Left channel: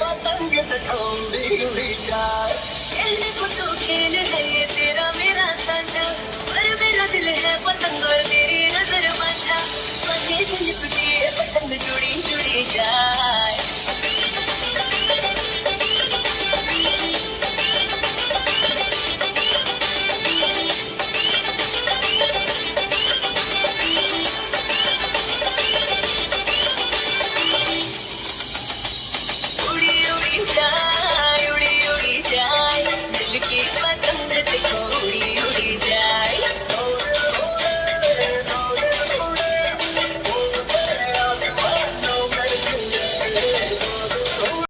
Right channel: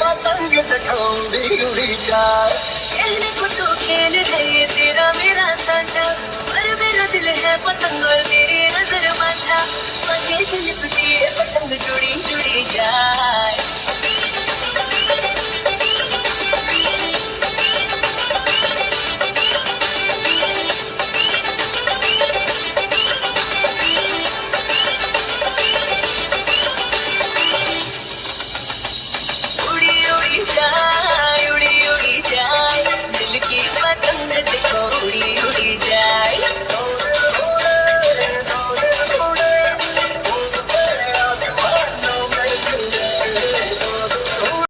पतंग दिखाऊंगी उड़ी जाए। खेलने को तो खेल है ये तेरा मेरा साझा, पर मेरा दिल है पतंग और तेरी नजर माझा, माझे दिल तुझे पतंग जुड़ी जुड़ी जाए। उड़ी उड़ी जाए।